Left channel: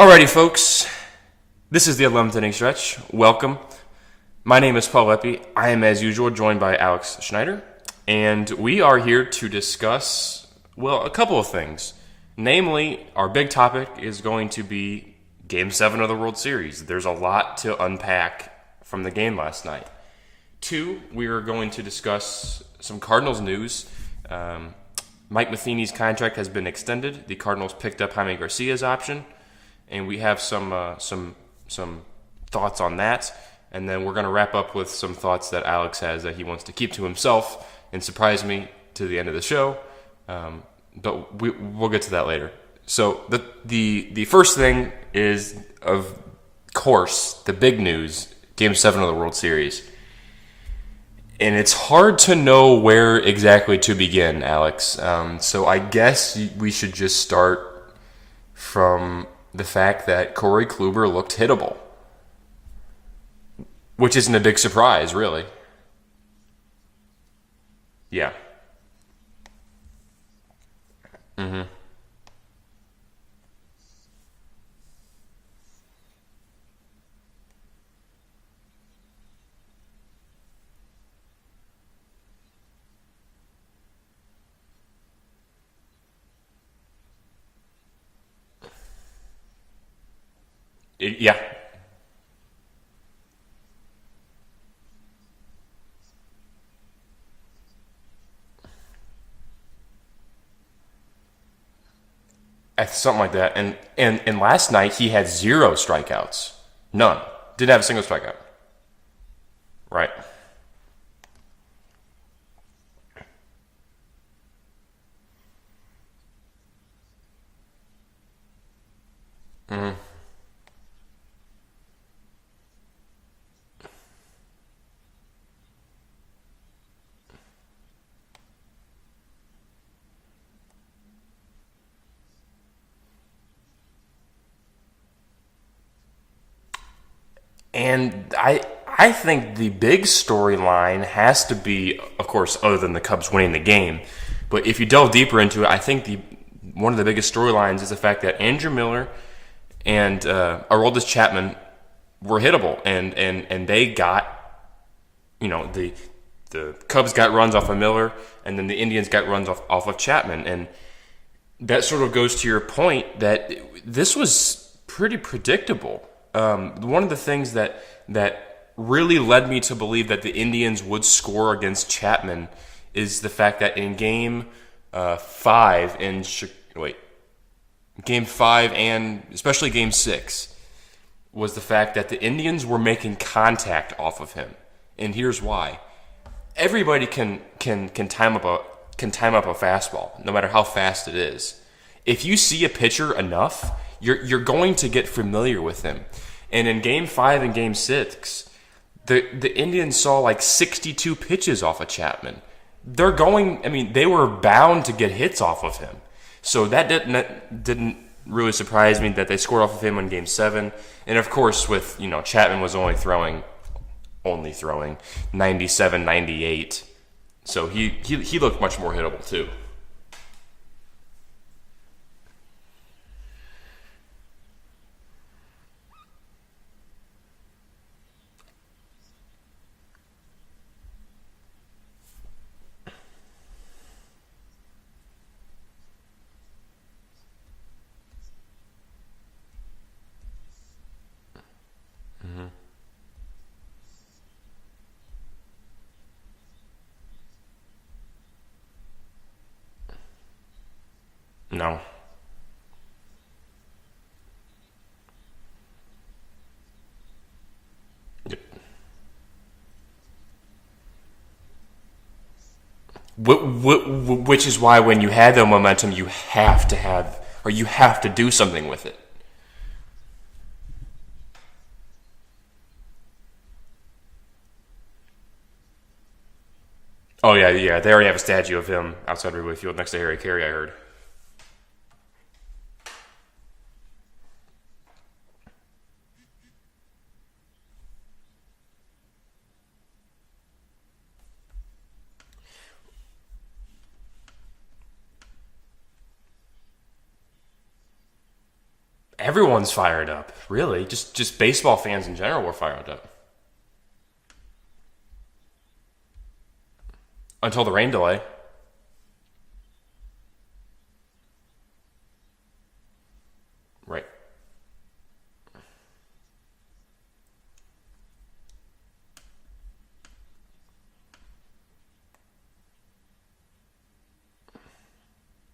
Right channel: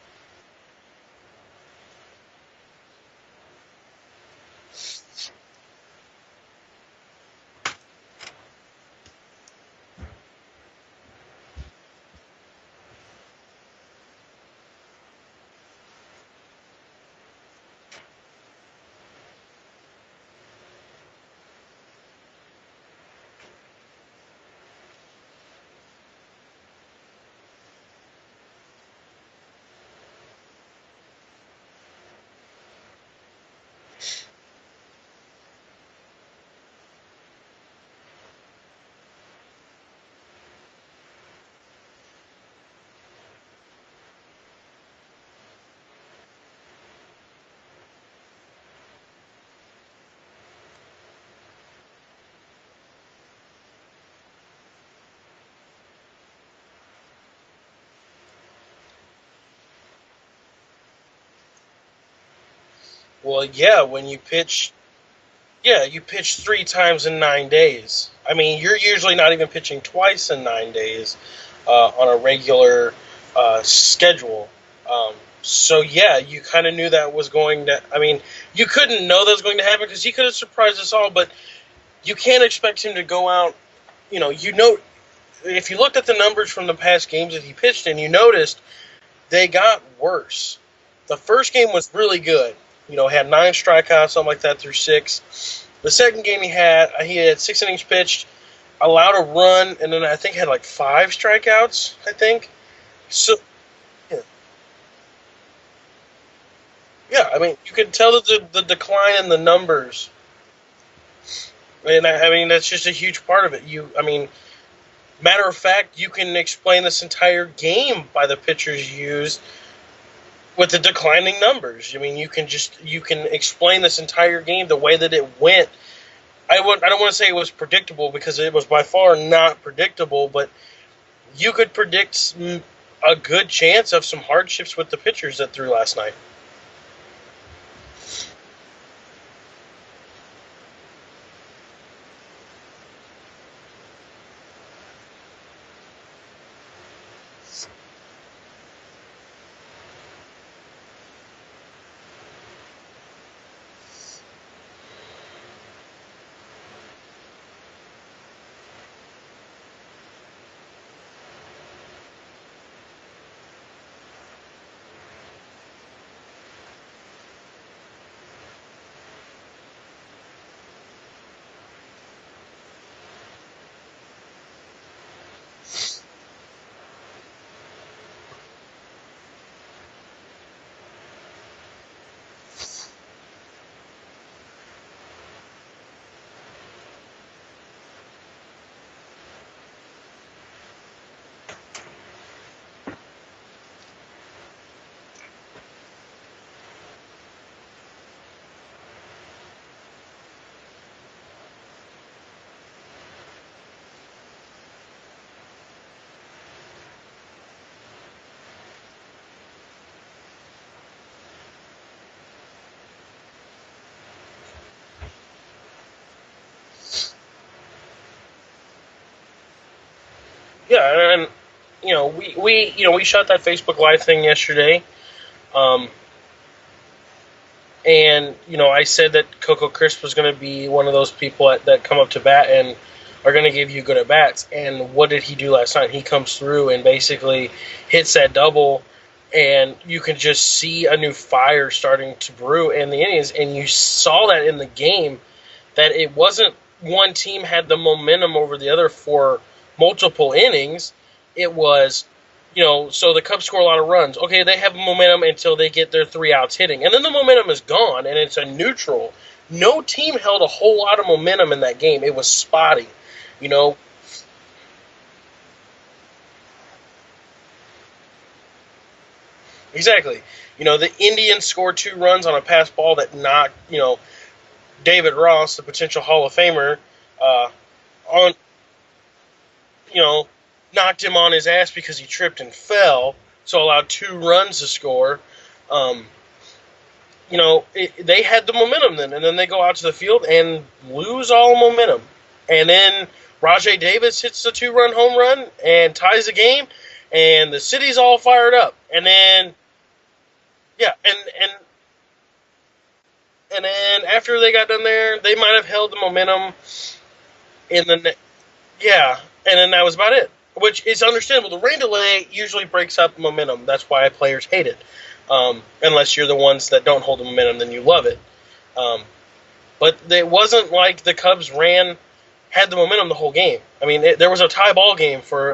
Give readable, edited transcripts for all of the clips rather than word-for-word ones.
Alrighty, folks. This is the 11th inning stretch. Welcome. My name is Paul Leppi. I am, as usual, joined by Alex Schneider. And we are here to discuss, well, a couple of things. Namely, our big topic is going to be Game 7 of the World Series. There's a lot to unpack from the game last night. Two, we are going to discuss some Cardinals news. Mike Matheny's contract has been extended. The Cardinals picked up Jaime Garcia's option. And we have some thoughts on that, and then we're going to wrap up with some thoughts that Alex has that he wants to keep to himself and surprise me to the end of the show. But we'll get to that later. So the first thing is, of course, the big news: Game 7 of the World Series. And it's hard to know where exactly to begin, Alex. So I guess we should just start from the fact that Corey Kluber looked hittable. Well, yeah. Which isn't a big surprise, really. Yeah, you pitched 3 times in 9 days. Yeah. I mean, you're usually not even pitching twice in 9 days on a regular schedule. So, yeah, you kind of knew that was going to – I mean, you couldn't know that was going to happen because he could have surprised us all, but you can't expect him to go out – if you looked at the numbers from the past games that he pitched in, you noticed – they got worse. The first game was really good. Had 9 strikeouts, something like that, through 6. The second game he had 6 innings pitched, allowed a run, and then I think had like 5 strikeouts, I think. Something like that. And last night he had 0 strikeouts. None. Yeah, I mean, Didn't have you a can single tell strikeout. the decline in the numbers. Right. And I mean, that's just a huge part of it. Matter of fact, you can explain this entire game by the pitchers used with the declining numbers. I mean, you can explain this entire game the way that it went. I don't want to say it was predictable because it was by far not predictable, but you could predict a good chance of some hardships with the pitchers that threw last night. And I think the big storyline has to be, of course, other than the Cubs winning the game. But if you delve deeper into it, I think one of the biggest storylines is the fact that Andrew Miller and Aroldis Chapman were hittable, and they got, the Cubs got runs off of Miller, and then the Indians got runs off of Chapman, and that sort of goes to your point that this was pretty predictable. One of the things that really led me to believe that the Indians would score against Chapman is the fact that in Game 5 Game 5 and especially Game 6 was the fact that the Indians were making contact off of him, and here's why: everybody can time up a fastball, no matter how fast it is. If you see a pitcher enough, you're going to get familiar with him, and in Game 5 and Game 6, the Indians saw like 62 pitches off of Chapman. They were bound to get hits off of him. So that didn't really surprise me that they scored off of him in Game 7. And of course, with, Chapman was only throwing 97, 98. So he looked much more hittable too. Yeah, and we shot that Facebook Live thing yesterday. And, I said that Coco Crisp was going to be one of those people that come up to bat and are going to give you good at-bats. And what did he do last night? He comes through and basically hits that double, and you can just see a new fire starting to brew in the Indians. And you saw that in the game, that it wasn't one team had the momentum over the other for multiple innings. It was... so the Cubs score a lot of runs. Okay, they have momentum until they get their 3 outs hitting. And then the momentum is gone, and it's a neutral. No team held a whole lot of momentum in that game. It was spotty. Which is why when you had the momentum, you have to do something with it. Exactly. The Indians scored 2 runs on a pass ball that knocked, David Ross, the potential Hall of Famer. Oh, yeah. They already have a statue of him outside Wrigley Field next to Harry Carey, I heard. Knocked him on his ass because he tripped and fell, so allowed 2 runs to score. They had the momentum then, and then they go out to the field and lose all momentum. And then Rajai Davis hits the 2-run home run and ties the game. and the city's all fired up. And then Everyone's fired up. Really, yeah, just baseball fans in general were fired up and then after they got done there, they might have held the momentum until the in rain delay. yeah, and then that was about it. Which is understandable. The rain delay usually breaks up momentum. That's why players hate it. Unless you're the ones that don't hold the momentum, then you love it. But it wasn't like the Cubs had the momentum the whole game. I mean, there was a tie ball game for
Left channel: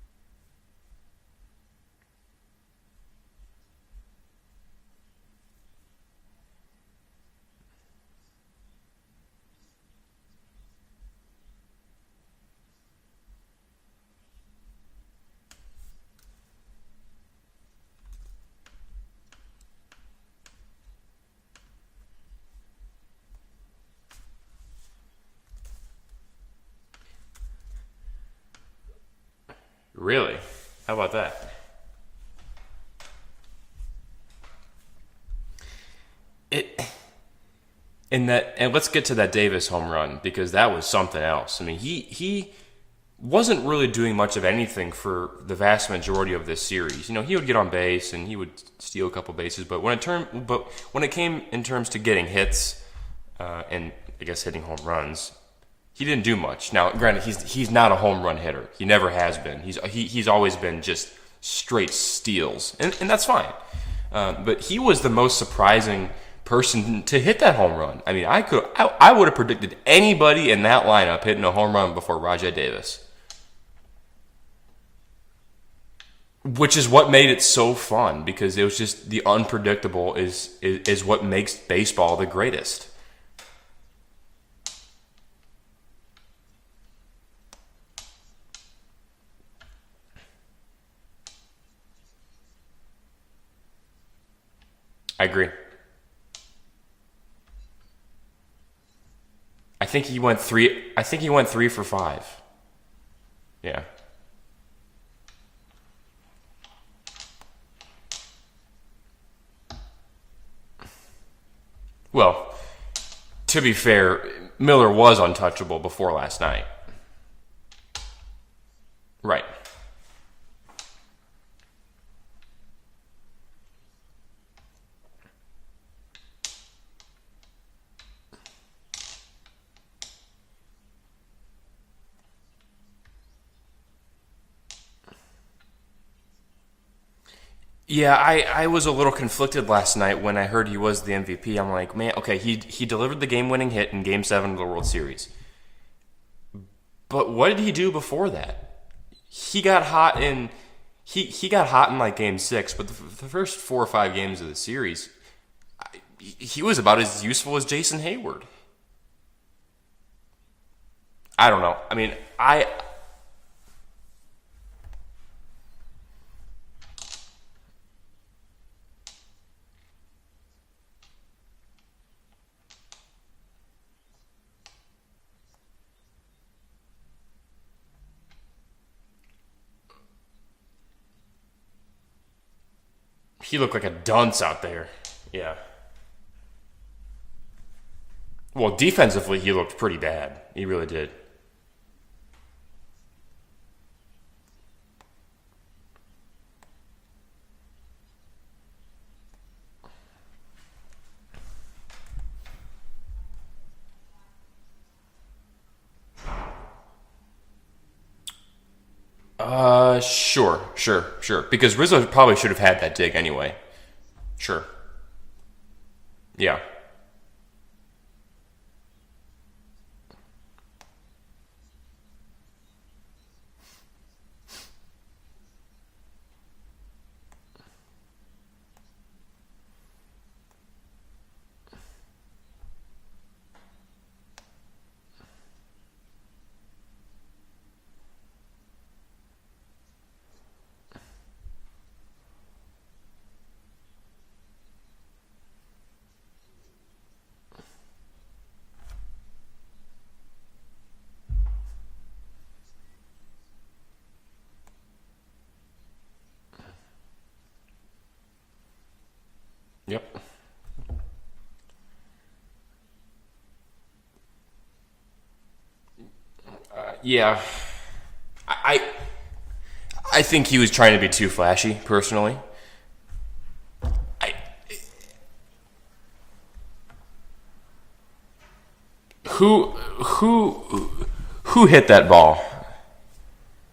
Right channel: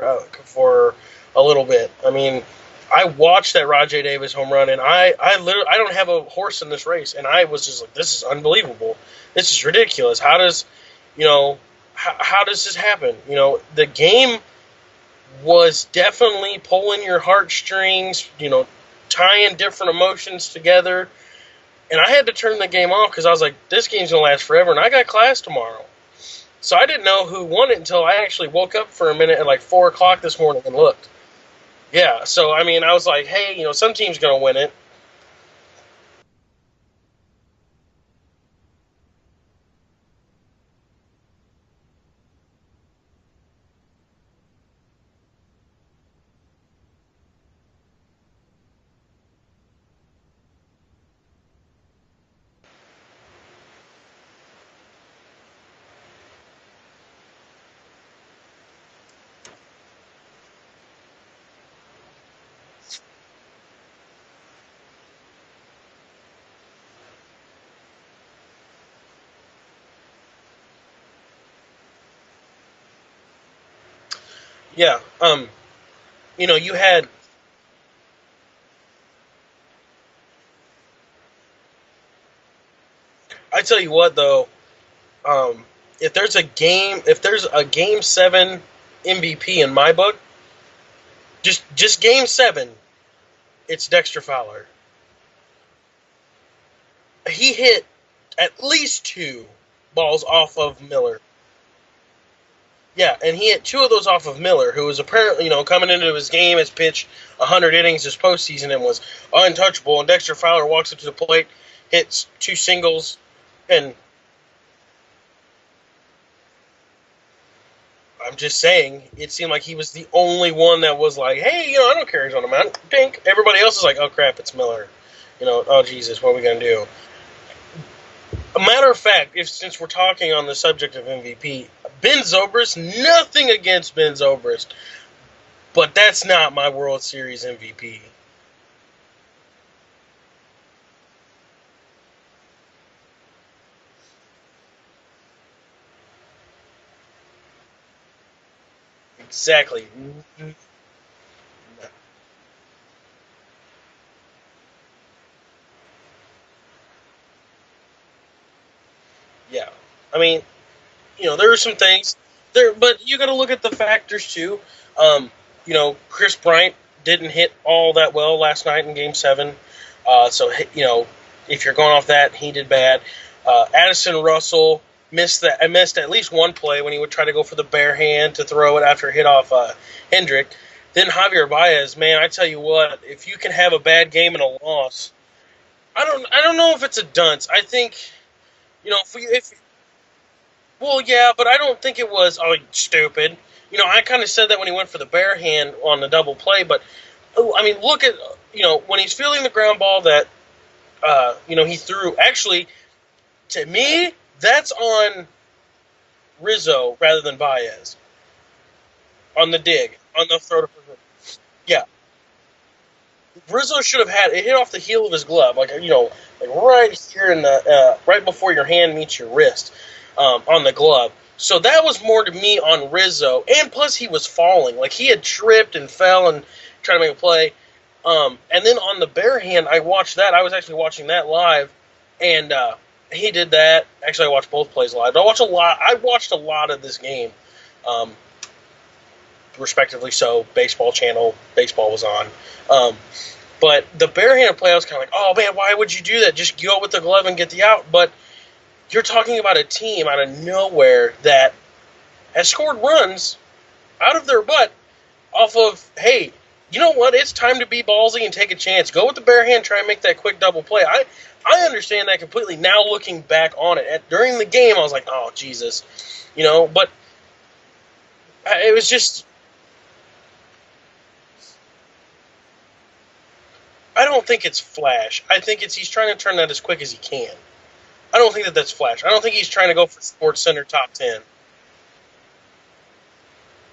a little bit. I mean, I watched that Rajay Davis home run, and I literally I don't have a horse in this race, and I was just like, this is unbelievable. This is ridiculous. How does how does this happen? The game was definitely pulling your heartstrings. Tying different emotions together. And I had to turn the game off because I was like, this game's going to last forever, and I got class tomorrow. So I didn't know who won it until I actually woke up for a minute at like 4 o'clock this morning and looked. How about that? Yeah, so I mean, I was like, hey, some team's going to win it. And let's get to that Davis home run, because that was something else. I mean, he wasn't really doing much of anything for the vast majority of this series. He would get on base and he would steal a couple bases, but when it came in terms to getting hits and I guess hitting home runs, he didn't do much. Now, granted, he's not a home run hitter. He never has been. He's always been just straight steals, and that's fine. But he was the most surprising person to hit that home run. I mean, I would have predicted anybody in that lineup hitting a home run before Rajay Davis. Yeah, which is what made it so fun, because it was just the unpredictable is what makes baseball the greatest. I tell you what, though, if there's a game 7 MVP in my book, just game 7, it's Dexter Fowler. I agree. He hit at least 2. I think he went 3. I think he went 3 for 5. Yeah, and he hit 2 of those off of Miller, who was apparently, coming into his game, has pitched 100 innings this postseason and was untouchable. And Dexter Fowler walks up to the plate, hits 2 singles. To be fair, Miller was untouchable before last night. I'm just saying, it seemed like he was the only one that was like, hey, I don't care who's on the mound. Dink. Everybody else is like, oh, crap, it's Miller. Oh, Jesus, what are we going to do? A matter of fact, since we're talking on the subject of MVP, Ben Zobrist, nothing against Ben Zobrist, but that's not my World Series MVP. Yeah, I was a little conflicted last night when I heard he was the MVP. I'm like, man, okay, he delivered the game-winning hit in Game 7 of the World Series. But what did he do before that? Exactly. He got hot in like Game 6, but the first 4 or 5 games of the series, he was about as useful as Jason Hayward. Yeah. I mean, there were some things. But you got to look at the factors, too. Chris Bryant didn't hit all that well last night in Game 7. So, if you're going off that, he did bad. Addison Russell missed at least one play when he would try to go for the bare hand to throw it after it hit off Hendrick. Then Javier Baez, man, I tell you what, if you can have a bad game and a loss. Yeah. I don't know if it's a dunce. I think. Well, defensively, he looked pretty bad. He really did. Well, yeah, but I don't think it was stupid. I kind of said that when he went for the bare hand on the double play, but I mean, look at when he's fielding the ground ball that he threw. Actually, to me, that's on Rizzo rather than Baez. On the dig. Sure. Because Rizzo probably should have had that dig anyway. Rizzo should have had it. Hit off the heel of his glove, right here in the right before your hand meets your wrist, on the glove. So that was more to me on Rizzo, and plus he was falling, like he had tripped and fell and tried to make a play. And then on the bare hand, I watched that. I was actually watching that live, and he did that. Actually, I watched both plays live. I watched a lot of this game. Respectively so, baseball channel, baseball was on. But the barehanded play, I was kind of like, oh man, why would you do that? Just go with the glove and get the out. But you're talking about a team out of nowhere that has scored runs out of their butt off of, hey, you know what? It's time to be ballsy and take a chance. Go with the bare hand, try and make that quick double play. I understand that completely now looking back on it. During the game, I was like, oh, Jesus. But yeah, it was just... I think he was trying to be too flashy, personally. I don't think it's flash. I think he's trying to turn that as quick as he can. I don't think that's flash. I don't think he's trying to go for Sports Center top 10. Who hit that ball?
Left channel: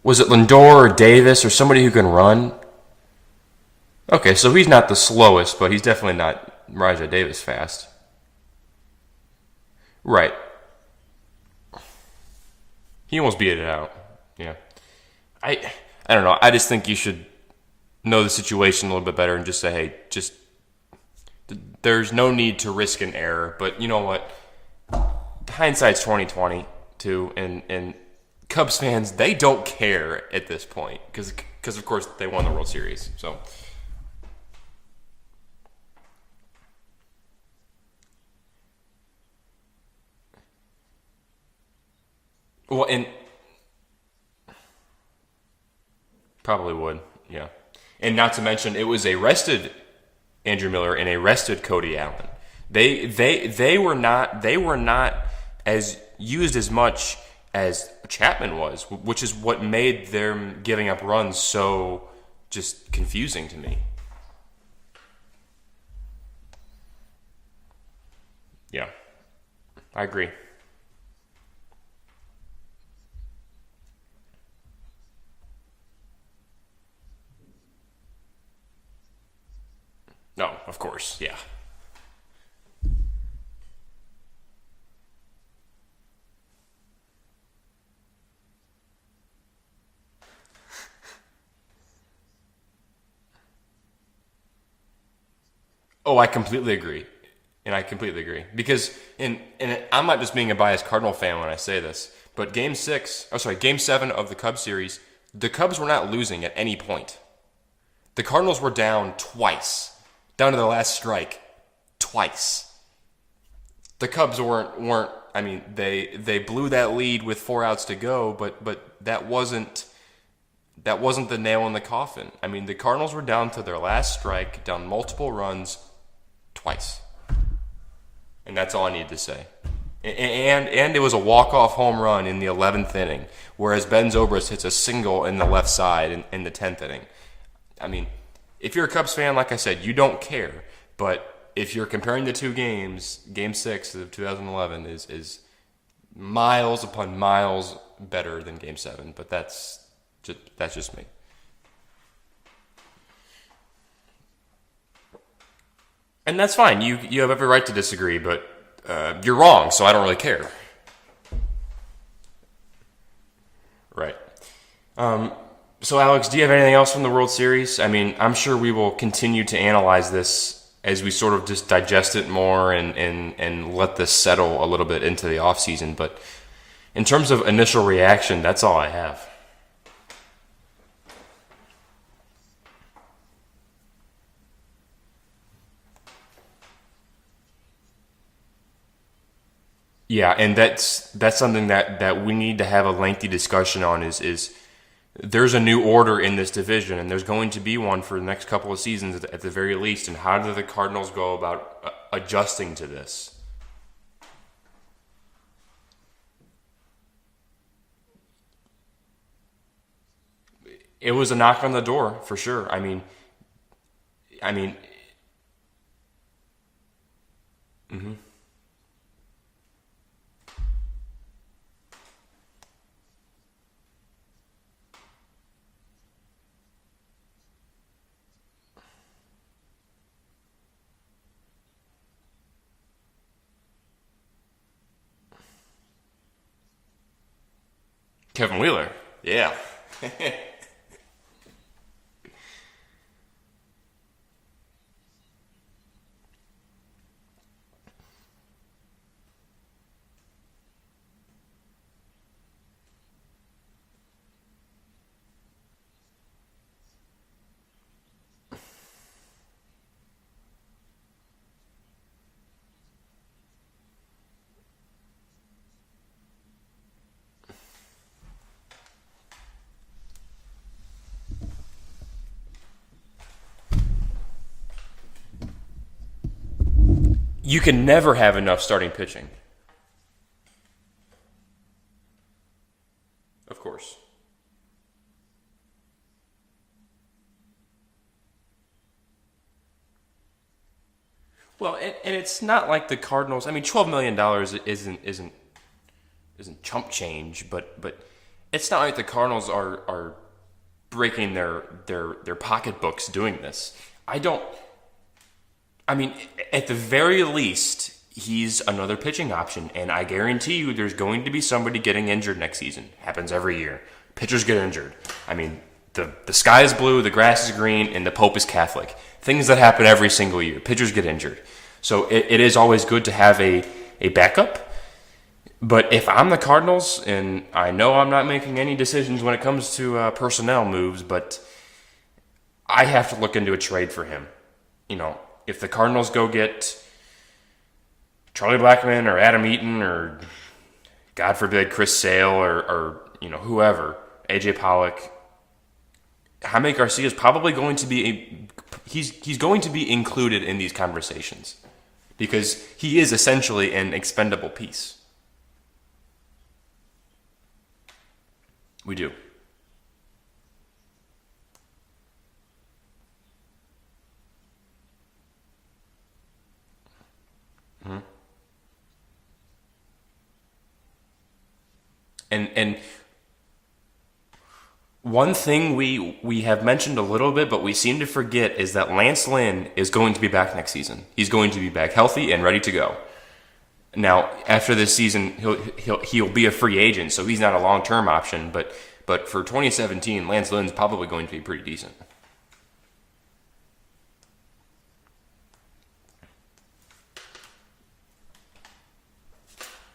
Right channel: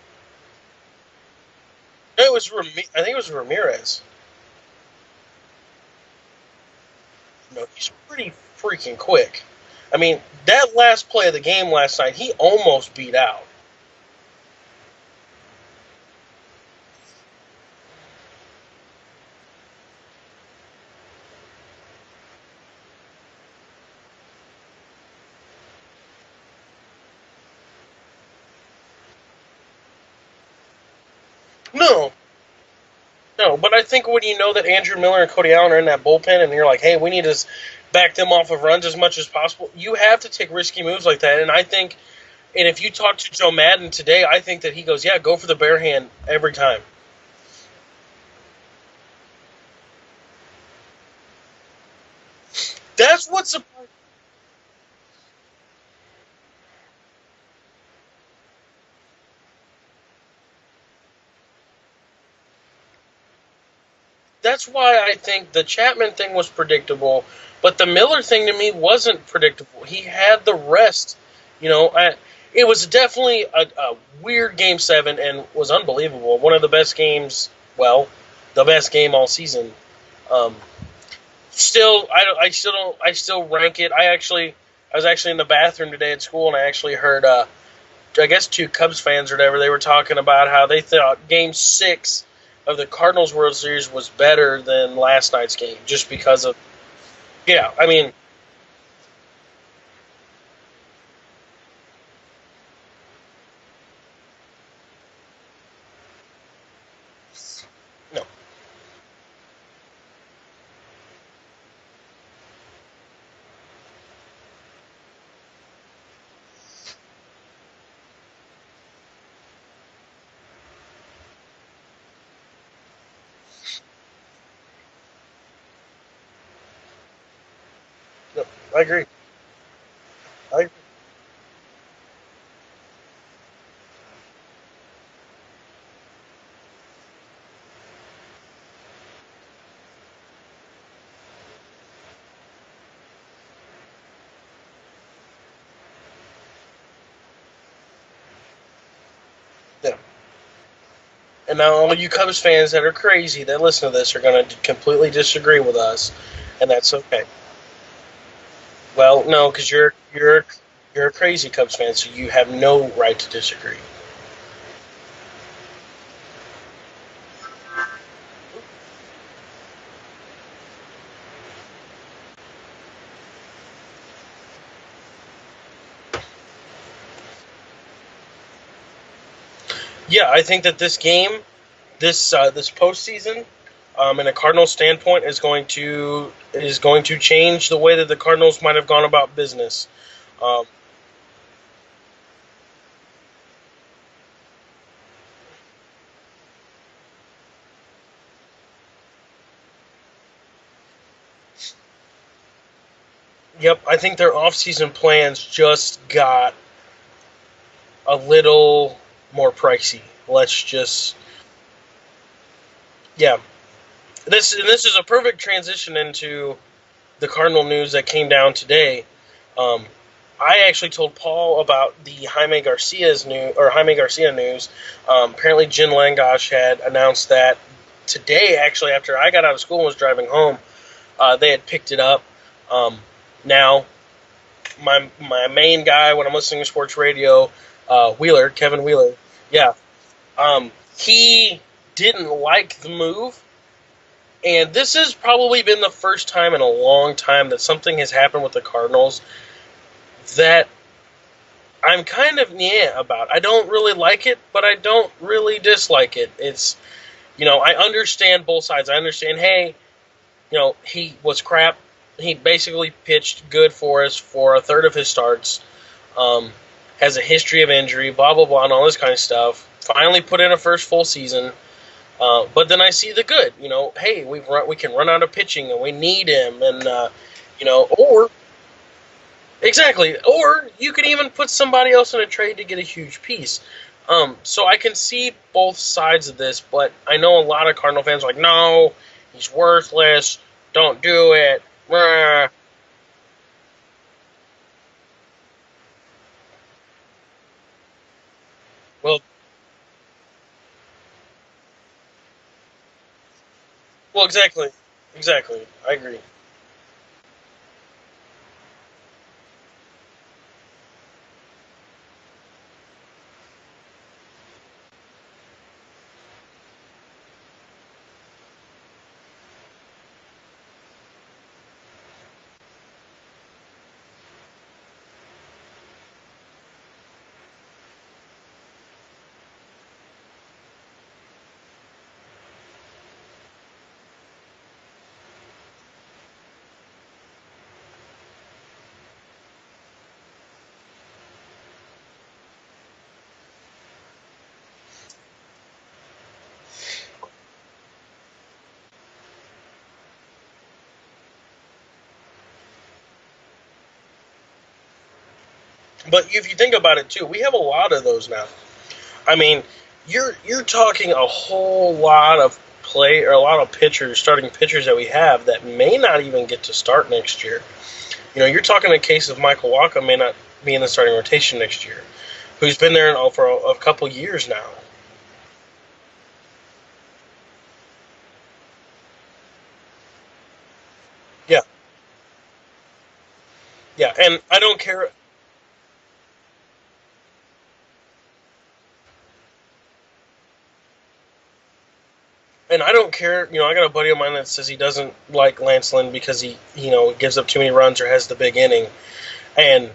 Was it Lindor or Davis or somebody who can run? I think it was Ramirez. Okay, so he's not the slowest, but he's definitely not Rajai Davis fast. He's pretty freaking quick. I mean, right. That last play of the game last night, he almost beat it out. Yeah. I don't know. I just think you should know the situation a little bit better and just say, hey, there's no need to risk an error. But you know what? Hindsight's 20/20 too, and Cubs fans, they don't care at this point because of course they won the World Series. So no, but I think when you know that Andrew Miller and Cody Allen are in that bullpen, and you're like, hey, we need to back them off of runs as much as possible, you have to take risky moves like that. And I think, and if you talk to Joe Madden today, I think that he goes, yeah, go for the bare hand every time. Would, yeah. And not to mention, it was a rested Andrew Miller and a rested Cody Allen. They were not as used as much as Chapman was, which is what made them giving up runs so just confusing to me. That's why I think the Chapman thing was predictable, but the Miller thing to me wasn't predictable. He had the rest. It was definitely a weird Game 7 and was unbelievable. One of the best games, the best game all season. Of course, yeah. Still, I still rank it. I was actually in the bathroom today at school, and I actually heard, I guess 2 Cubs fans or whatever, they were talking about how they thought Game 6 of the Cardinals World Series was better than last night's game. Just because I completely agree. Yeah, I completely agree. Because, and I'm not just being a biased Cardinal fan when I say this, but Game 7 of the Cubs series, the Cubs were not losing at any point. The Cardinals were down twice, down to the last strike, twice. The Cubs weren't. I mean, they blew that lead with 4 outs to go, but that wasn't the nail in the coffin. I mean, the Cardinals were down to their last strike, down multiple runs, twice, and that's all I need to say. And it was a walk-off home run in the 11th inning, whereas Ben Zobrist hits a single in the left side in the 10th inning. I mean, if you're a Cubs fan, like I said, you don't care, but if you're comparing the 2 games, Game 6 of 2011 is miles upon miles better than Game 7. But that's just me. And now all you Cubs fans that are crazy that listen to this are going to completely disagree with us. And that's fine. You have every right to disagree, but you're wrong, so I don't really care. You're a crazy Cubs fan, so you have no right to disagree. Right. So, Alex, do you have anything else from the World Series? I mean, I'm sure we will continue to analyze this as we sort of just digest it more and let this settle a little bit into the offseason. But in terms of initial reaction, that's all I have. Yeah, I think that this game, this postseason, in a Cardinals standpoint, is going to change the way that the Cardinals might have gone about business. Yeah, and that's something that we need to have a lengthy discussion on is there's a new order in this division, and there's going to be one for the next couple of seasons at the very least. And how do the Cardinals go about adjusting to this? Yep, I think their offseason plans just got a little more pricey. It was a knock on the door, for sure. I mean... Yeah. This is a perfect transition into the Cardinal news that came down today. I actually told Paul about the Jaime Garcia news. Apparently, Jen Langosh had announced that today, actually, after I got out of school and was driving home, they had picked it up. Now, my main guy when I'm listening to sports radio, Kevin Wheeler. Yeah. He didn't like the move. And this has probably been the first time in a long time that something has happened with the Cardinals that I'm kind of about. I don't really like it, but I don't really dislike it. It's, I understand both sides. I understand, hey, he was crap. He basically pitched good for us for a third of his starts. Has a history of injury, blah, blah, blah, and all this kind of stuff. Finally put in a first full season. But then I see the good. Hey, we can run out of pitching, and we need him. And you can never have enough starting pitching. Exactly. Or you could even put somebody else in a trade to get a huge piece. Of course. So I can see both sides of this, but I know a lot of Cardinal fans are like, no, he's worthless. Don't do it. Well, and it's not like the Cardinals. I mean, $12 million isn't chump change, but it's not like the Well, Cardinals are breaking their pocketbooks doing this. I well, don't. exactly, exactly. I I mean, agree. at the very least, he's another pitching option, and I guarantee you, there's going to be somebody getting injured next season. Happens every year. Pitchers get injured. I mean, the sky is blue, the grass is green, and the Pope is Catholic. Things that happen every single year. Pitchers get injured. So it is always good to have a backup. But if I'm the Cardinals, and I know I'm not making any decisions when it comes to personnel moves, but I have to look into a trade for him. You know, if the Cardinals go get Charlie Blackmon or Adam Eaton or, God forbid, Chris Sale or whoever, AJ Pollock, Jaime Garcia is probably going to be he's going to be included in these conversations because he is essentially an expendable piece. But if you think about it too, we have a lot of those now. We do. I mean, you're talking a whole lot of play or a lot of pitchers, starting pitchers that we have that may not even get to start next year. You're talking a case of Michael Walker may not be in the starting rotation next year, And who's been there for a couple years now. one thing we have mentioned a little bit, but we seem to forget, is that Lance Lynn is going to be back next season. He's going to be back healthy and ready to go. Yeah, Now, and after this season, he'll be a free agent, so he's not a long-term option. But for 2017, Lance Lynn's probably going to be pretty decent. And I don't care. I got a buddy of mine that says he doesn't like Lance Lynn because he gives up too many runs or has the big inning, and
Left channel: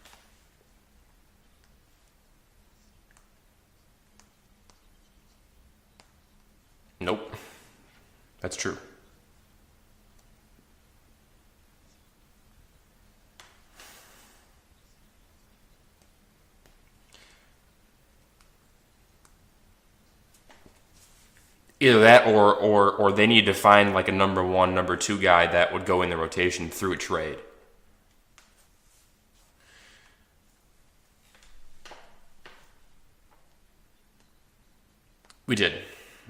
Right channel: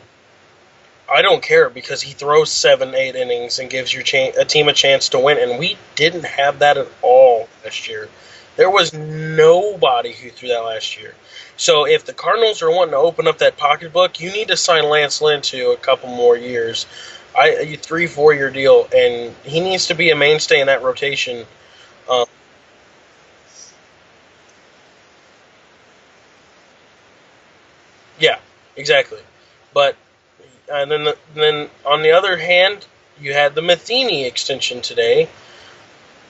I don't care because he throws 7, 8 innings and gives your a team a chance to win. And we didn't have that at all last year. There was nobody who threw that last year. So if the Cardinals are wanting to open up that pocketbook, you need to sign Lance Lynn to a couple more years, a 3-4 year deal, and he needs to be a mainstay in that rotation. Either that, or they need to find like a number one, number two guy that would go in the rotation through a trade. Yeah, exactly. But and then on the other hand, you had the Matheny extension today. We did,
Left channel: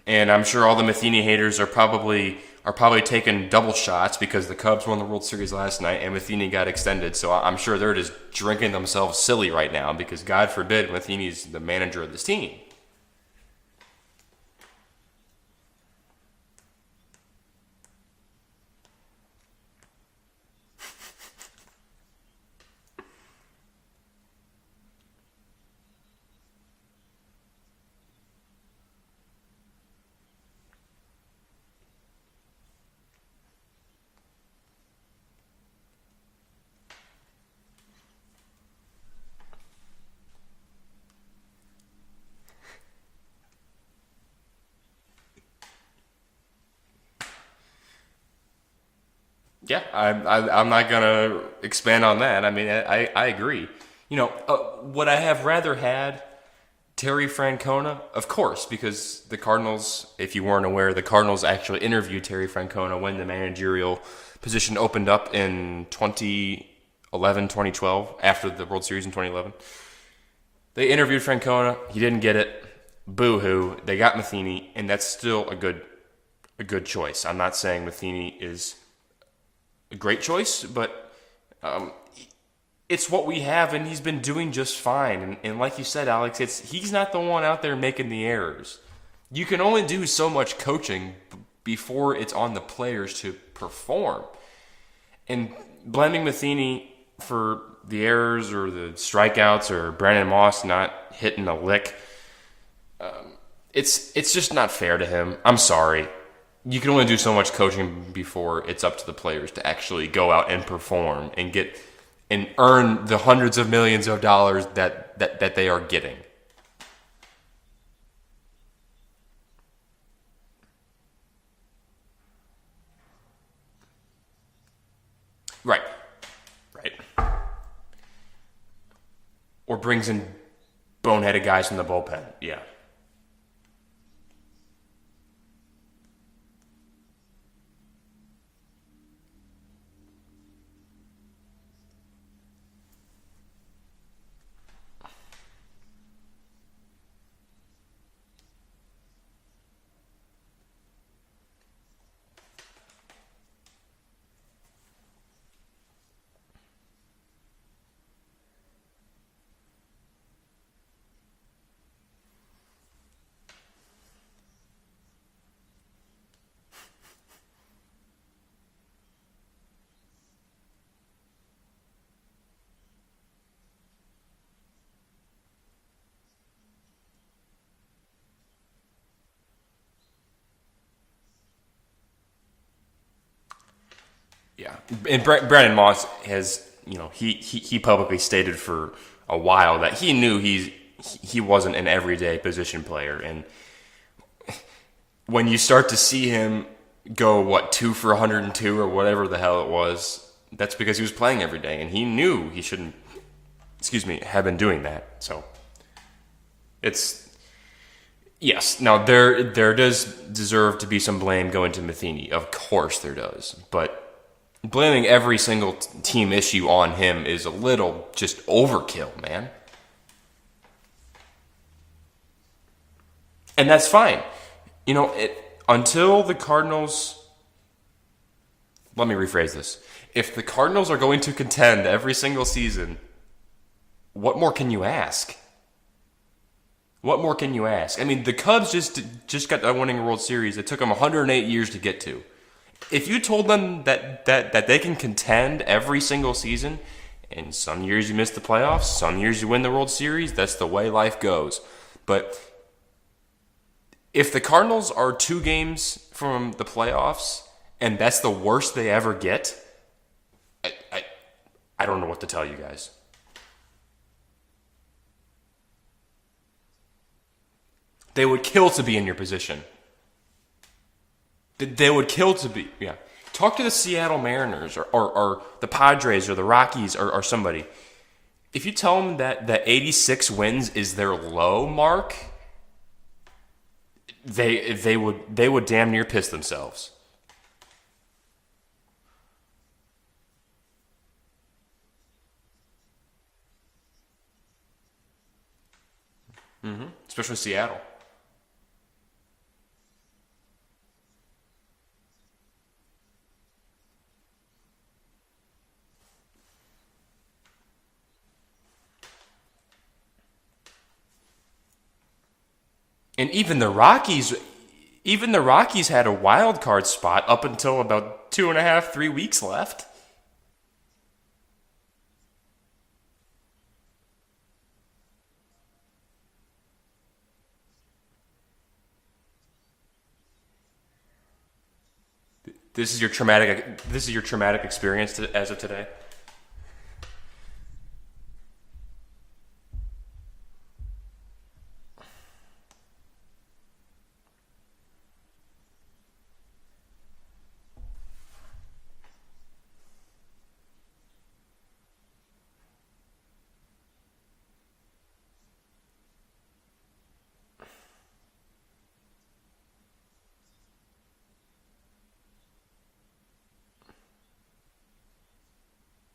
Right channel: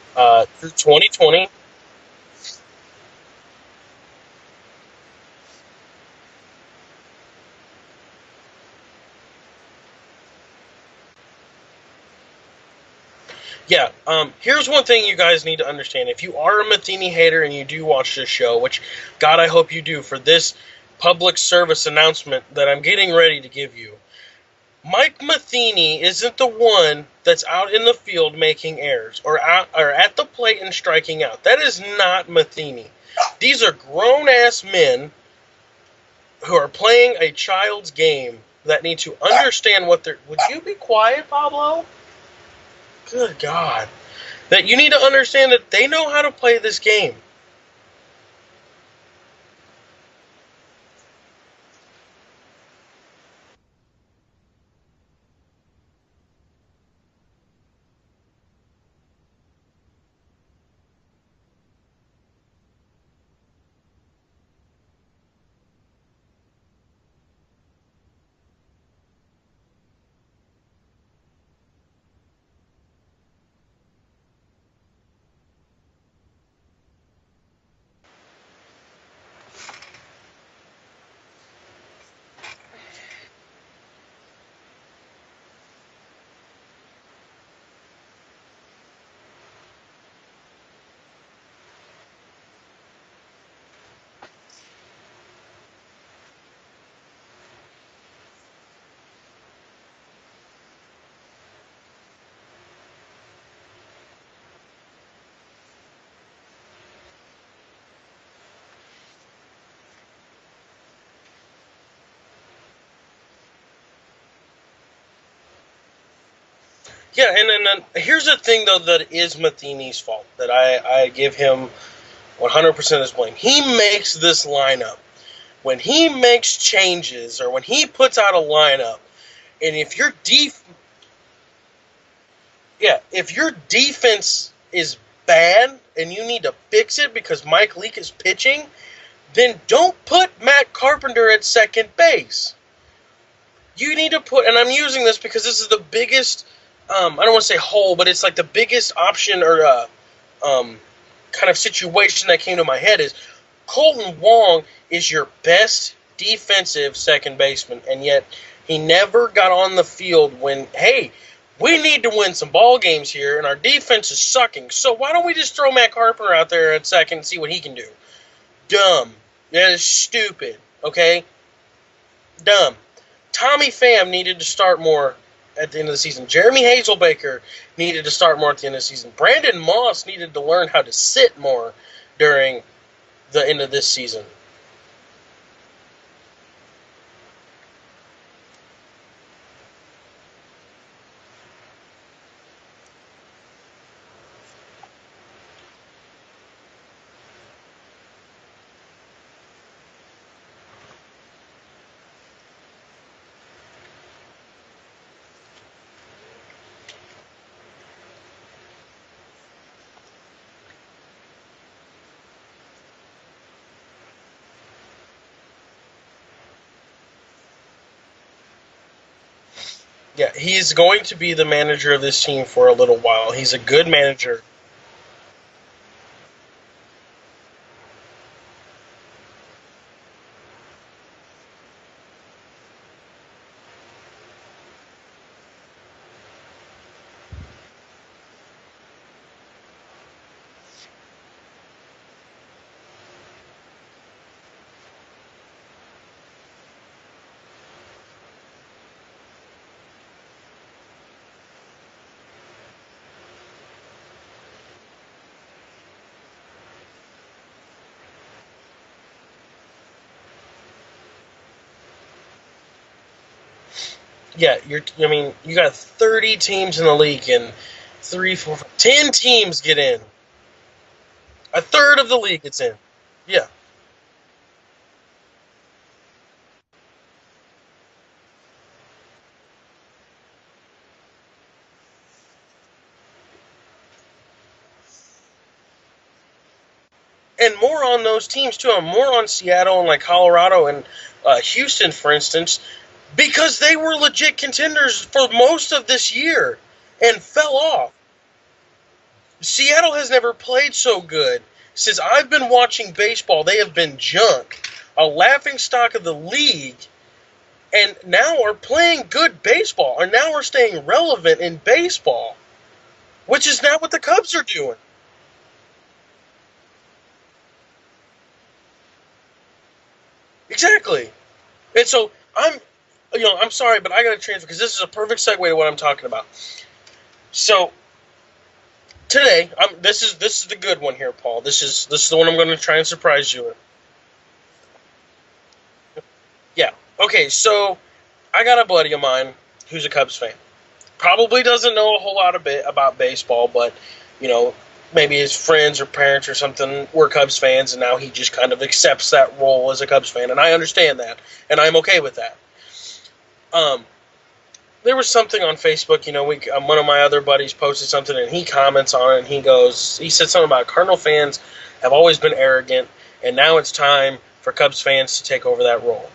and I'm sure all the Matheny 2020. haters are probably taking double shots because the Cubs won the World Series last night and Matheny got extended. So I'm sure they're just drinking themselves silly right now because God forbid Matheny's the manager of this team. Yeah, here's one thing you guys need to understand. If you are a Matheny hater and you do watch this show, which, God, I hope you do, for this public service announcement that I'm getting ready to give you, Mike Matheny isn't the one that's out in the field making errors or at the plate and striking out. That is not Matheny. These are grown-ass men who are playing a child's game that need to understand what they're... Would you be quiet, Pablo? Good God. That you need to understand that they know how to play this game. Yeah, I'm not going to expand on that. I mean, I agree. Would I have rather had Terry Francona? Of course, because the Cardinals, if you weren't aware, the Cardinals actually interviewed Terry Francona when the managerial position opened up in 2011, 2012, after the World Series in 2011. They interviewed Francona. He didn't get it. Boo-hoo. They got Matheny, and that's still a good choice. I'm not saying Matheny is a great choice, but it's what we have, and he's been doing just fine. And like you said, Alex, he's not the one out there making the errors. You can only do so much coaching before it's on the players to perform. And blaming Matheny for the errors or the strikeouts or Brandon Moss not hitting a lick, it's just not fair to him. I'm sorry. You can only do so much coaching before it's up to the players to actually go out and perform and earn the hundreds of millions of dollars that they are getting. Yeah, and then here's the thing, though, that is Matheny's fault, that I give him 100% his blame. He makes this lineup. When he makes changes or when he puts out a lineup, and if your boneheaded guys from the bullpen, yeah, if your defense is bad and you need to fix it because Mike Leake is pitching, then don't put Matt Carpenter at second base. You need to put, and I'm using this because this is the biggest I don't want to say hole, but it's like the biggest option or um, kind of situation that came to my head is Colton Wong is your best defensive second baseman, and yet he never got on the field when, hey, we need to win some ball games here, and our defense is sucking. So why don't we just throw Matt Carpenter out there at second and see what he can do? Dumb. That is stupid. Okay? Dumb. Tommy Pham needed to start more at the end of the season. Jeremy Hazelbaker needed to start more at the end of the season. Brandon Moss needed to learn how to sit more during the end of this season. Yeah, and Brandon Moss has, he publicly stated for a while that he knew he wasn't an everyday position player, and when you start to see him go 2 for 102 or whatever the hell it was, that's because he was playing every day, and he knew he shouldn't, have been doing that. So it's yes. Now there does deserve to be some blame going to Matheny. Of course there does, but blaming every single team issue on him is a little just overkill, man. Yeah, he's going to be the manager of this team for a little while. He's a And good that's fine. manager. Until the Cardinals. Let me rephrase this. If the Cardinals are going to contend every single season, what more can you ask? What more can you ask? I mean, the Cubs just got done winning a World Series. It took them 108 years to get to. If you told them that they can contend every single season, and some years you miss the playoffs, some years you win the World Series, that's the way life goes. But if the Cardinals are 2 games from the playoffs, and that's the worst they ever get, I don't know what to tell you guys. Yeah, you got 30 teams in the league, and They would kill to be in 10 your teams position. get in. A They third would of the kill league to gets be- in. Yeah. Yeah. Talk to the Seattle Mariners or the Padres or the Rockies or somebody. If you tell them that 86 wins is their low mark, they would damn near piss themselves. And more on those teams too. And more on Seattle and like Colorado and Houston, for instance, because they were legit contenders for most of this year and Especially fell Seattle. off. Seattle has never played so good. Since I've been watching baseball, they have been junk, a laughingstock of the league, and now are playing good baseball, and now are staying relevant in baseball, And which is now what the Cubs are doing. Even the Rockies had a wild card spot up until about 2.5, 3 weeks left. Exactly. And so I'm sorry, but I got to transfer because this is a perfect segue to what I'm talking about. So today, this is the good one here, Paul. This is the one I'm going to try and surprise you. This is your traumatic experience as of today. Yeah. Okay. So I got a buddy of mine who's a Cubs fan. Probably doesn't know a whole lot about baseball, but maybe his friends or parents or something were Cubs fans, and now he just kind of accepts that role as a Cubs fan, and I understand that, and I'm okay with that. There was something on Facebook, one of my other buddies posted something, and he comments on it, and he said something about Cardinal fans have always been arrogant, and now it's time for Cubs fans to take over that role.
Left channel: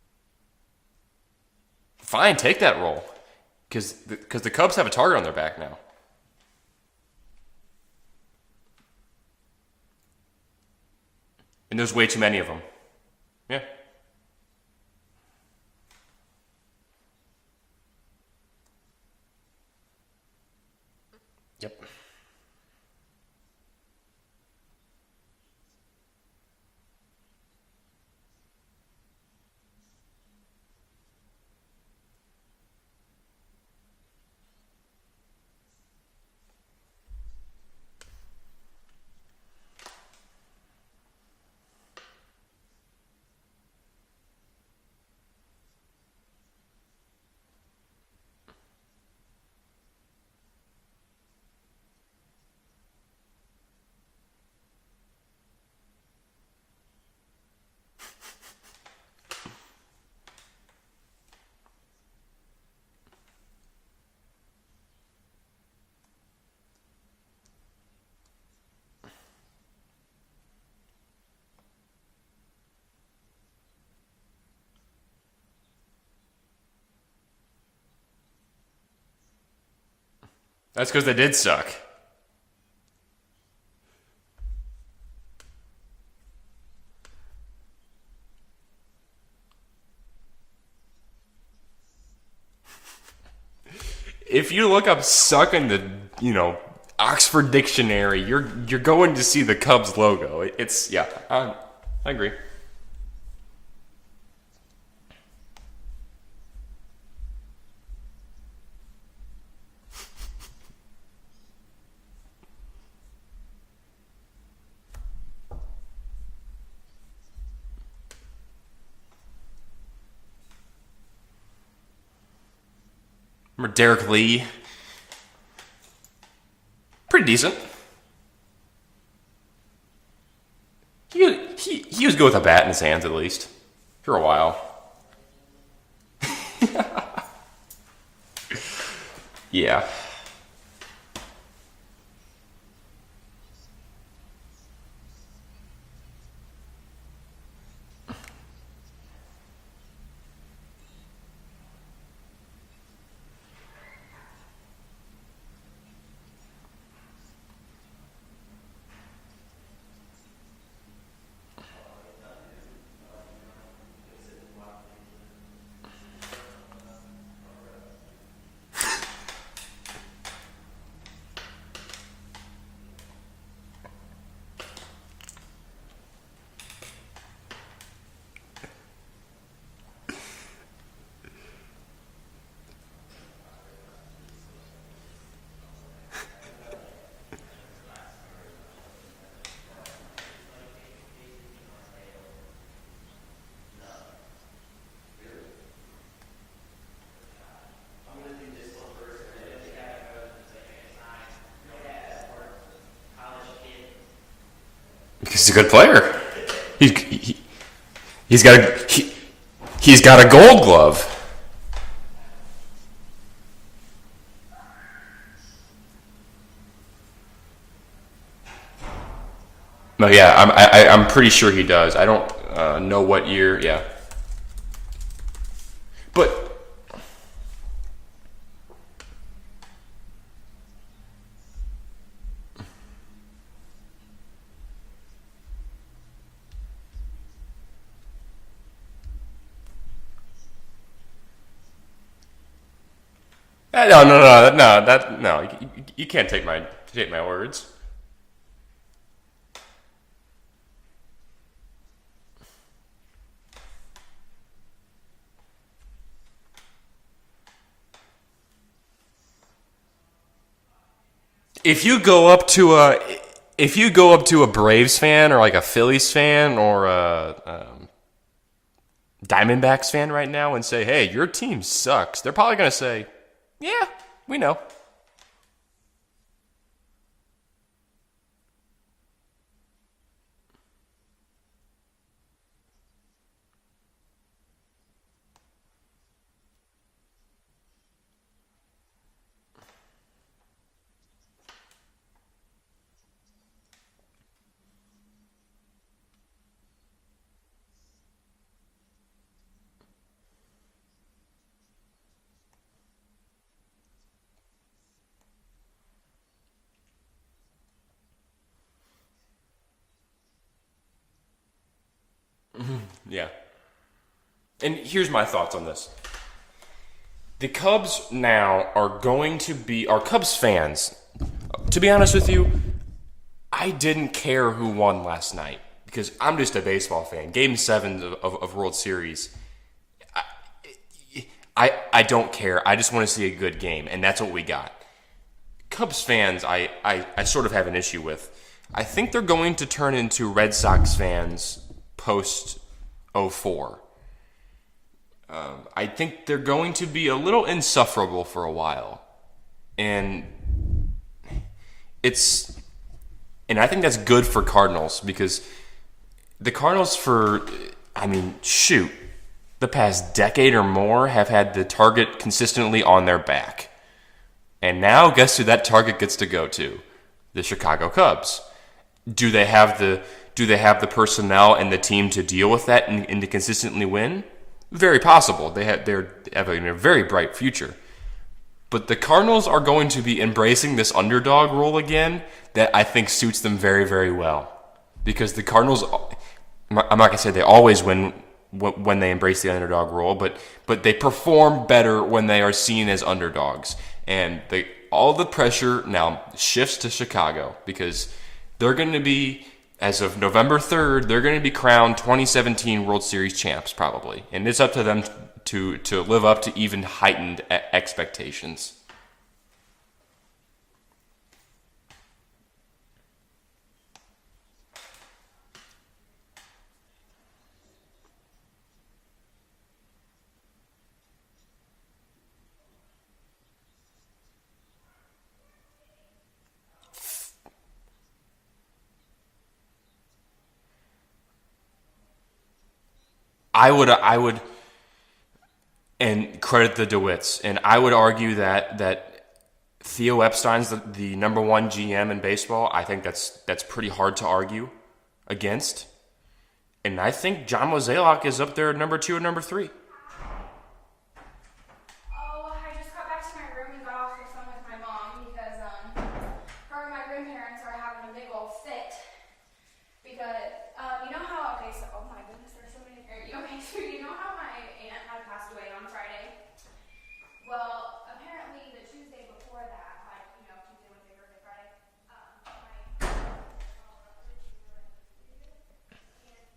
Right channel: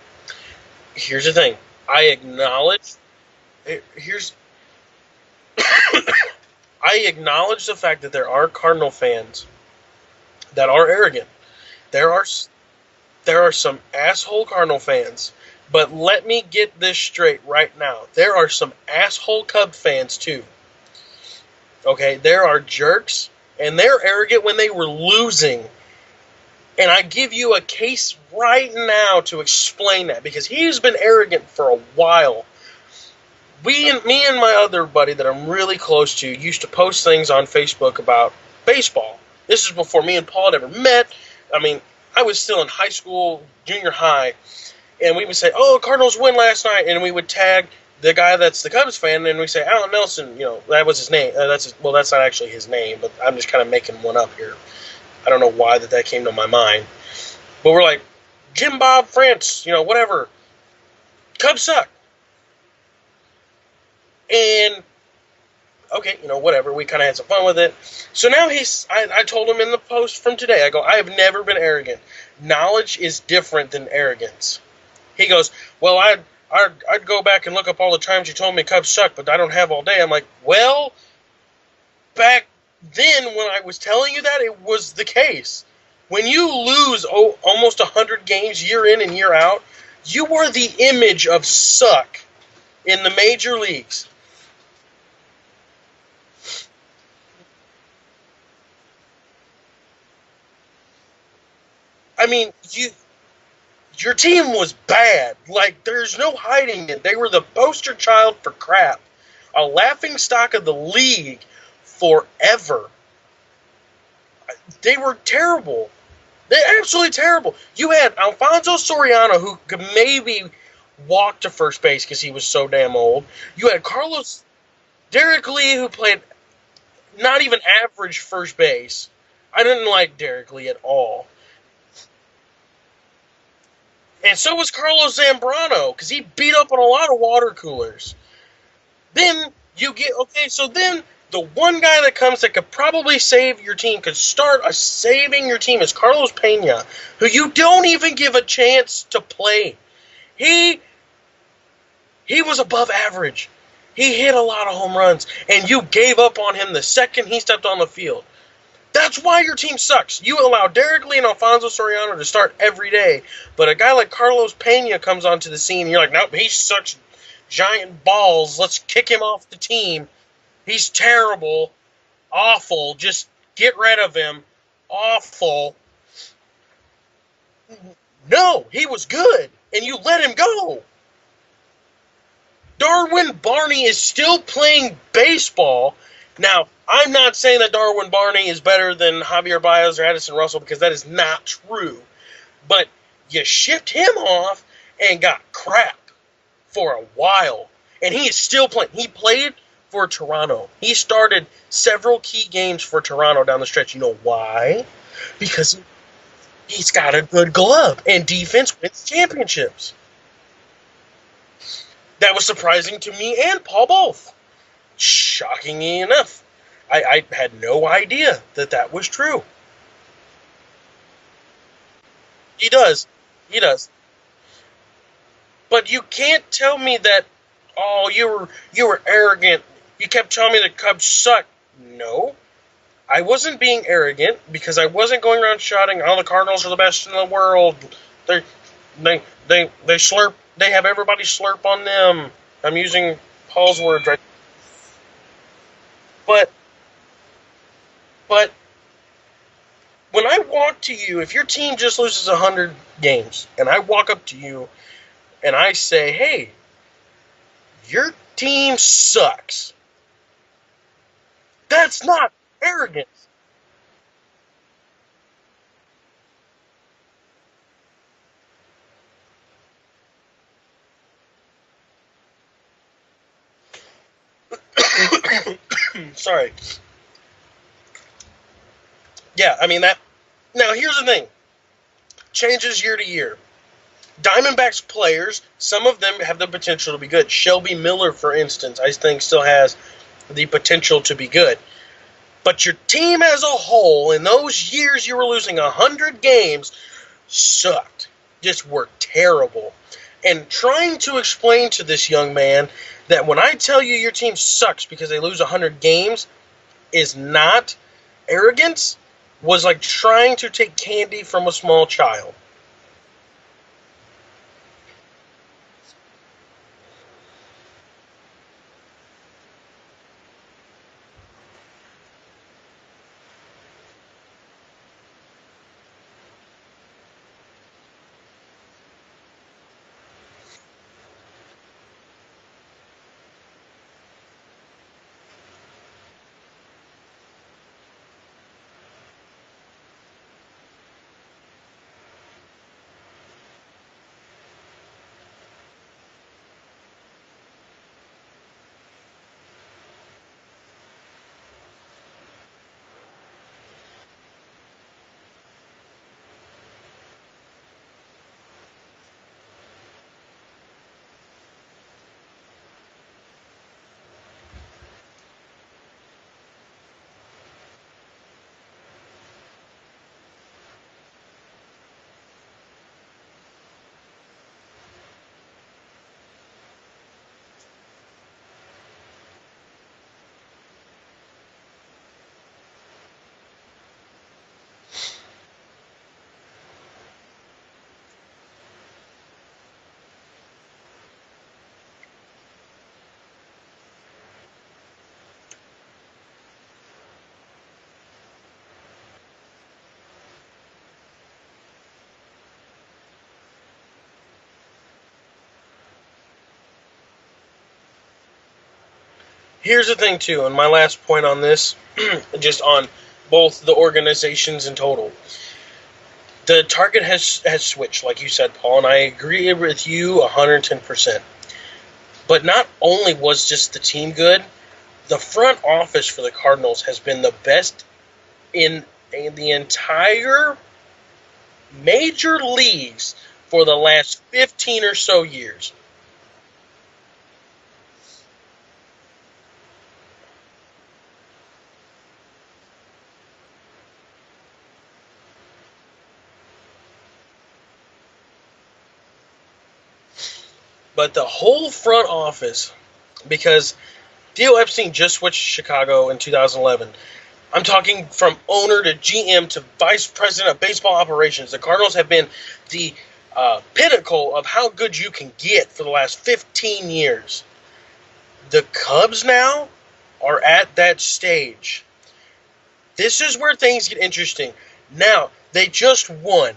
Here's the thing. Fine, take that role. Because the Cubs have a target on their back. I acknowledge the fact that there are Cardinal fans that are arrogant. And there's way too many of them. There are some asshole Cardinal fans. But let me get this straight right now. There are some asshole Cub fans, too. Yep. Okay? There are jerks, and they're arrogant when they were losing. And I give you a case right now to explain that, because he's been arrogant for a while. Me and my other buddy that I'm really close to used to post things on Facebook about baseball. This is before me and Paul had ever met. I mean, I was still in high school, junior high, and we would say, "Oh, Cardinals win last night," and we would tag the guy that's the Cubs fan, and we say, "Alan Nelson," that was his name. That's not actually his name, but I'm just kind of making one up here. I don't know why that came to my mind, but we're like, Jim Bob France, whatever. Cubs suck. And, okay, whatever. We kind of had some fun with it. So now I told him in the post from today, I go, I have never been arrogant. Knowledge is different than arrogance. He goes, well, I I'd go back and look up all the times you told me Cubs suck, but I don't have all day. I'm like, That's well, because they did suck. back then when I was telling you that, it was the case. When you lose almost 100 games year in and year out, you are the image of suck in the major leagues. If you look up "suck" in the Oxford Dictionary, you're going to see the Cubs logo. It's yeah. I agree. I mean, your team was bad. Like, there's no hiding it. They were the poster child for crap, a laughing stock of the league forever. They were terrible. They're absolutely terrible. You had Alfonso Soriano, who could maybe walk to first base because he was so damn old. You had Derek Lee. Derek Lee, who played Pretty not decent. even average first base. I didn't like Derek Lee at all. He was good with a bat in his hands, at least, for a while. And so was Carlos Zambrano, because he beat up on a lot of water coolers. Then Yeah. so then the one guy that comes that could probably save your team, could start saving your team, is Carlos Pena, who you don't even give a chance to play. He was above average. He hit a lot of home runs, and you gave up on him the second he stepped on the field. That's why your team sucks. You allow Derek Lee and Alfonso Soriano to start every day, but a guy like Carlos Pena comes onto the scene, and you're like, nope, he sucks giant balls. Let's kick him off the team. He's terrible. Awful. Just get rid of him. Awful. No, he was good, and you let him go. Darwin Barney is still playing baseball. Now, I'm not saying that Darwin Barney is better than Javier Baez or Addison Russell, because that is not true. But you shipped him off and got crap for a while. And he is still playing. He played for Toronto. He started several key games for Toronto down the stretch. You know why? He's a good player. He's got a good glove. And He's got defense wins championships. He's got a Gold Glove. That was surprising to me and Paul both. Shockingly enough. I had no idea that was true. No, yeah, I'm pretty sure he does. I don't He does. know what year. He does. But you can't tell me that, oh, you were arrogant. You kept telling me the Cubs suck. No. I wasn't being arrogant because I wasn't going around shouting, oh, the Cardinals are the best in the world. They slurp. They have everybody slurp on them. I'm using Paul's word. No. You can't take my words. But when I walk to you, if your team just loses 100 games, and I walk up to you and I say, hey, your team sucks. If you go up to a Braves fan or like a Phillies fan or a Diamondbacks fan right now and say, hey, your team sucks, they're probably going to say, yeah, we know. Sorry. Yeah, I mean that. Now, here's the thing. Changes year to year. Diamondbacks players, some of them have the potential to be good. Shelby Miller, for instance, I think still has the potential to be good. But your team as a whole, in those years you were losing 100 games, sucked. Just were terrible. And trying to explain to this young man that when I tell you your team sucks because they lose 100 games is not arrogance, was like trying to take candy from a small child. Yeah. And here's my thoughts on this. The Cubs now are Cubs fans. To be honest with you, I didn't care who won last night because I'm just a baseball fan. Game 7 of World Series. I don't care. I just want to see a good game, and that's what we got. Cubs fans, I sort of have an issue with. I think they're going to turn into Red Sox fans post 04. I think they're going to be a little insufferable for a while. And I think that's good for Cardinals because the Cardinals the past decade or more have had the target consistently on their back. And now guess who that target gets to go to? The Chicago Cubs. Do they have the personnel and the team to deal with that and to consistently win? Very possible. They have a very bright future. But the Cardinals are going to be embracing this underdog role again that I think suits them very, very well. Because the Cardinals, I'm not going to say they always win when they embrace the underdog role, but they perform better when they are seen as underdogs. And all the pressure now shifts to Chicago because they're going to be, as of November 3rd, they're going to be crowned 2017 World Series champs probably. And it's up to them to live up to even heightened expectations. Here's the thing, too, and my last point on this, just on both the organizations in total. The target has switched, like you said, Paul, and I agree with you 110%. But not only was just the team good, the front office for the Cardinals has been the best in the entire major leagues for the last 15 or so years. And credit the DeWitts. And I would argue that Theo Epstein's the number one GM in baseball. I think that's pretty hard to argue against. And I think John Mozeliak is up there at number 2 and number 3. But the whole front office, because Theo Epstein just switched to Chicago in 2011. I'm talking from owner to GM to vice president of baseball operations. The Cardinals have been the pinnacle of how good you can get for the last 15 years. The Cubs now are at that stage. This is where things get interesting. Now, they just won.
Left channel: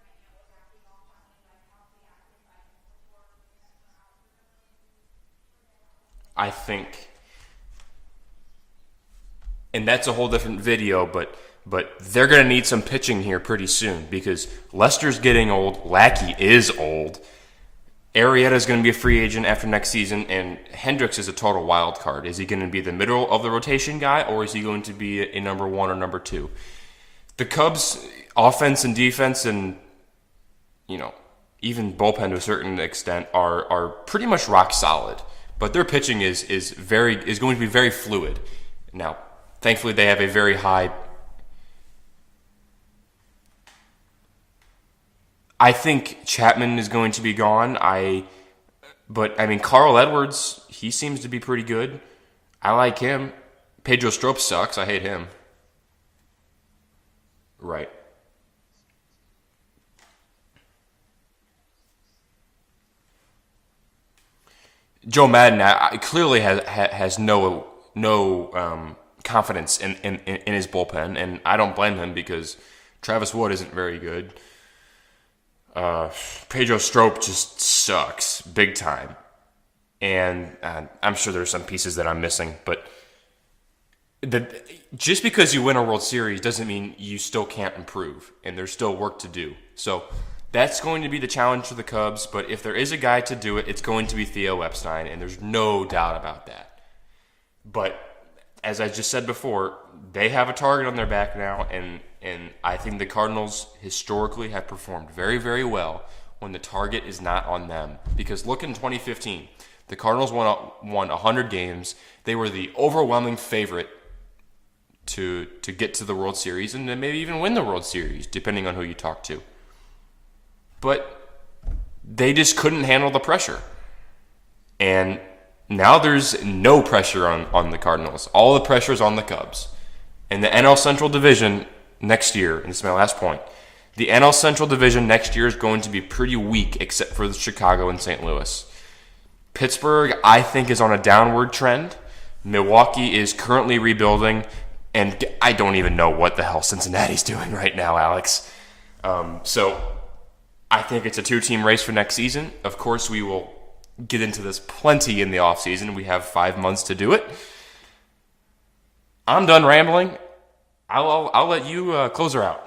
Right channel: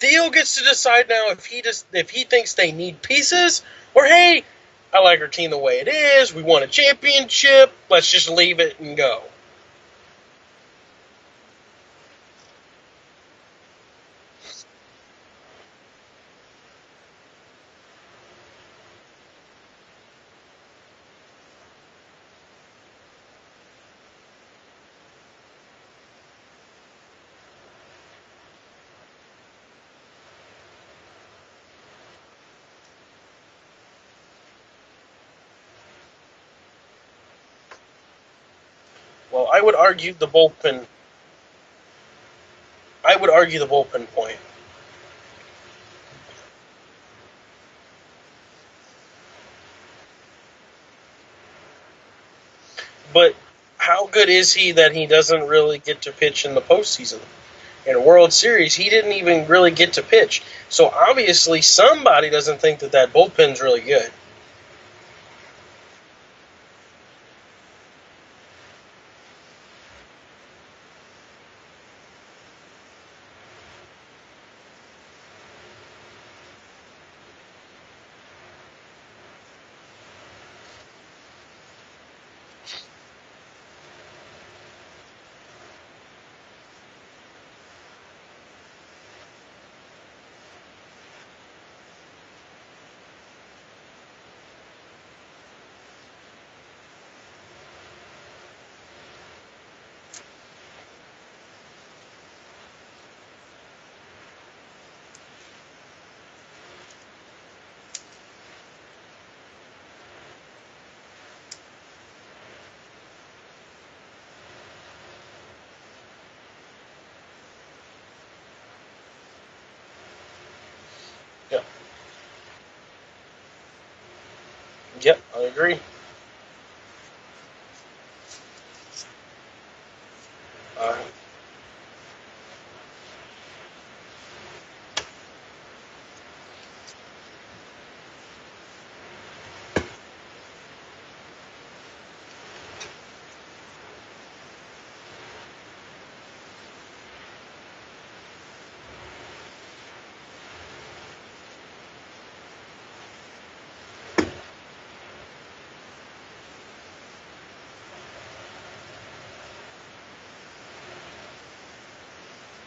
Theo gets to decide now if he thinks they need pieces, or hey, I like our team the way it is. We won a championship. Let's just leave it and go. And that's a whole different video, but they're going to need some pitching here pretty soon because Lester's getting old. Lackey is old. Arrieta's going to be a free agent after next season, and Hendricks is a total wild card. Is he going to be the middle of the rotation guy, or is he going to be a number 1 or number 2? The Cubs' offense and defense and, even bullpen to a certain extent are pretty much rock solid. But their pitching is going to be very fluid. Now, thankfully they have a very high... I would argue the bullpen point. I think Chapman is going to be gone. But Carl Edwards, he seems to be pretty good. I like him. But how good is he that he doesn't really get to pitch in the postseason? Right. In a World Series, he didn't even really get to pitch. So obviously somebody doesn't think that bullpen's really good. Joe Madden clearly has no confidence in his bullpen, and I don't blame him because Travis Wood isn't very good. Pedro Strop just sucks big time, and I'm sure there's some pieces that I'm missing, but just because you win a World Series doesn't mean you still can't improve, and there's still work to do. So that's going to be the challenge for the Cubs, but if there is a guy to do it, it's going to be Theo Epstein, and there's no doubt about that. But as I just said before, they have a target on their back now, and I think the Cardinals historically have performed very, very well when the target is not on them. Because look in 2015, the Cardinals won 100 games. They were the overwhelming favorite to get to the World Series and then maybe even win the World Series, depending on who you talk to. But they just couldn't handle the pressure. And I agree. Now there's no pressure on the Cardinals. All the pressure is on the Cubs. And the NL Central Division next year, and this is my last point, the NL Central Division next year is going to be pretty weak except for Chicago and St. Louis. Pittsburgh, I think, is on a downward trend. Milwaukee is currently rebuilding, and I don't even know what the hell Cincinnati's doing right now, Alex. So I think it's a 2-team race for next season. Of course, we will get into this plenty in the offseason. We have 5 months to do it. I'm done rambling. I'll let you close her out.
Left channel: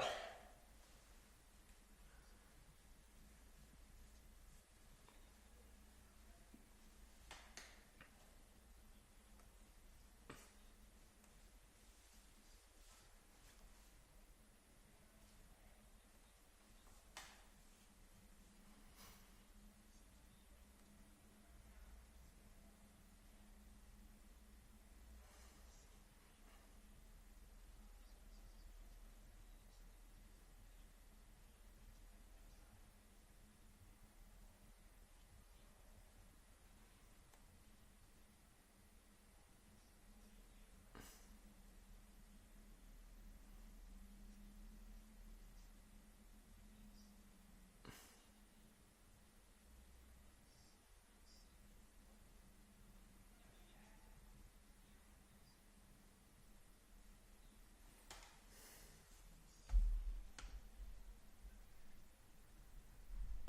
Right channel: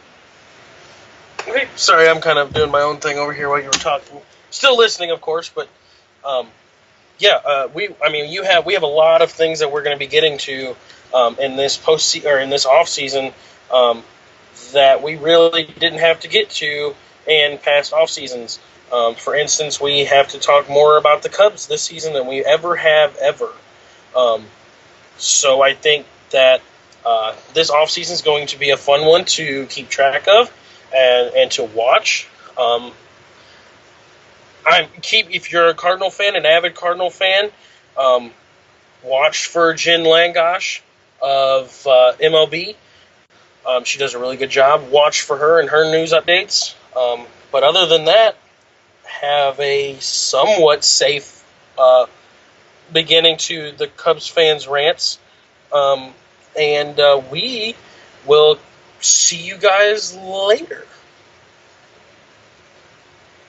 Okay. Sorry, I'm kind of doing my own thing over here while you were talking. Still listening, of course, but we have a lot of things that we're going to be getting to in this in this off season that we really didn't have to get to in past off seasons. For instance, we have to talk more about the Cubs this season than we ever have ever. So I think that this offseason is going to be a fun one to keep track of and to watch. If you're a Cardinal fan, an avid Cardinal fan, um, watch for Jen Langosh of MLB. She does a really good job. Watch for her and her news updates. But other than that, have a somewhat safe beginning to the Cubs fans' rants. And we will see you guys later.